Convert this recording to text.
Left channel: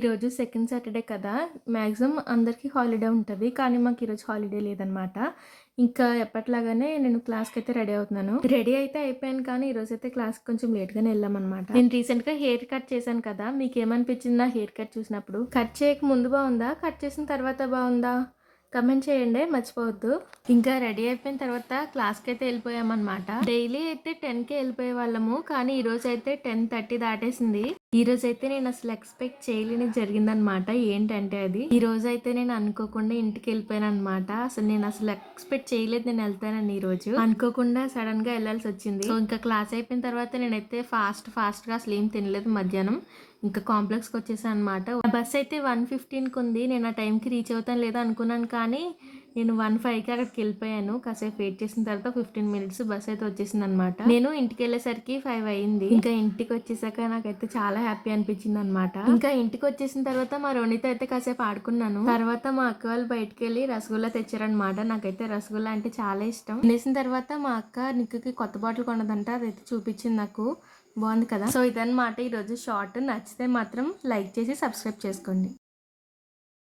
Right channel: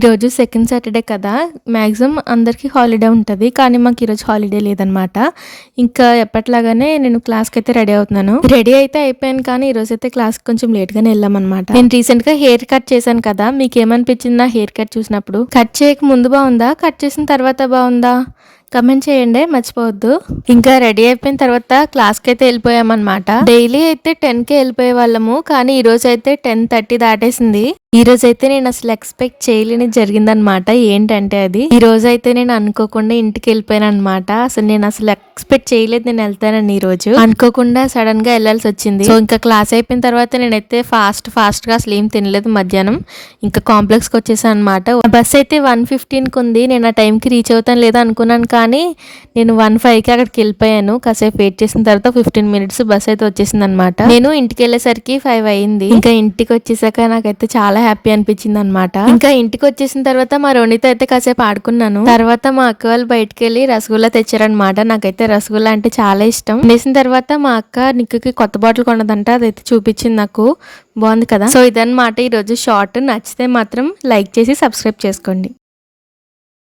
ఈరోజు second Saturday కదా! Maximum అందరికీ హాలిడే ఉంటది. కానీ మాకు ఈరోజు హాలిడే లేదనమాట. ఇంకా ఎప్పటిలాగానే నేను క్లాస్‌కైతే రెడీ అవుతున్నాను. రెడీ అయితే అయిపోయాను కానీ ఈరోజైతే క్లాస్‌కి కొంచెం లేట్‌గానే ఎళ్ళామనమాట. నేను రీసెంట్‌గా హెయిర్ కట్ చేశాను కదా! మీకేమనిపించింది నా హెయిర్ కట్ చూసినప్పుడు? కట్ చేయక ముందు బావుందా? కట్ చేసిన తర్వాత బావుందా? కమెంట్ చేయండి మర్చిపోవద్దు. ఇంకా రెడీ అయిపోయిన తర్వాత క్లాస్‌కైతే ఎళ్ళిపోయామనమాట. డైలీ అయితే 10కే ఎళ్ళిపోయే వాళ్ళము. కానీ ఈరోజైతే 10:30 దాటేసింది. ఈరోజైతే నేను అసలు ఎక్స్పెక్ట్ చేయలేనిది జరిగిందనమాట. ఏంటంటే అది, ఈరోజైతే నేను అనుకోకుండా ఇంటికెళ్ళిపోయాననమాట. నేను అసలు ఎక్స్పెక్ట్ చేయలేదు నేను ఎళ్తానని ఈరోజు. అనుకోకుండా సడన్‌గా ఎళ్ళాల్సొచ్చింది. సో ఇంకా క్లాస్ అయిపోయిన తర్వాత నేనైతే ఫాస్ట్‌గా అసలు ఏం తినలేదు మధ్యాహ్నం. ఇంకా కాంప్లెక్స్‌కి వచ్చేసాను అనమాట. బస్ అయితే 1:15కి ఉంది. నేను ఆ టైంకి రీచ్ అవుతాను లేదా అనుకున్నాను కానీ నేను 1:05కి అక్కడికి వెళ్ళిపోయాను. కాసేపు వెయిట్ చేసిన తర్వాత 15 మినిట్స్ బస్ అయితే వచ్చేసిందనమాట. నేను ఇంటికి వెళ్ళేసరికి 5 అయింది. ఇంకా ఇంటికి వచ్చేసాక నాకైతే చాలా హ్యాపీ అనిపించింది అనమాట. ఇంకా ఇంటికి వచ్చేసిన తర్వాత మా రోనితో అయితే కాసేపు ఆడుకున్నాను. తర్వాత మా అక్క వాళ్ళు బయటకు వెళ్ళి రసగుల్లా తెచ్చారనమాట. నాకైతే రసగుల్లా అంటే చాలా ఇష్టం. వేసిన తర్వాత మా అక్క నిక్కుకి కొత్త బాటిల్ కొన్నదంట, అదైతే చూపించింది నాకు. బాగుంది కదా. సో ఇదన్నమాట ఈరోజు షార్ట్. నచ్చితే మాత్రం లైక్ చేసి సబ్స్క్రైబ్ చేసుకోండి.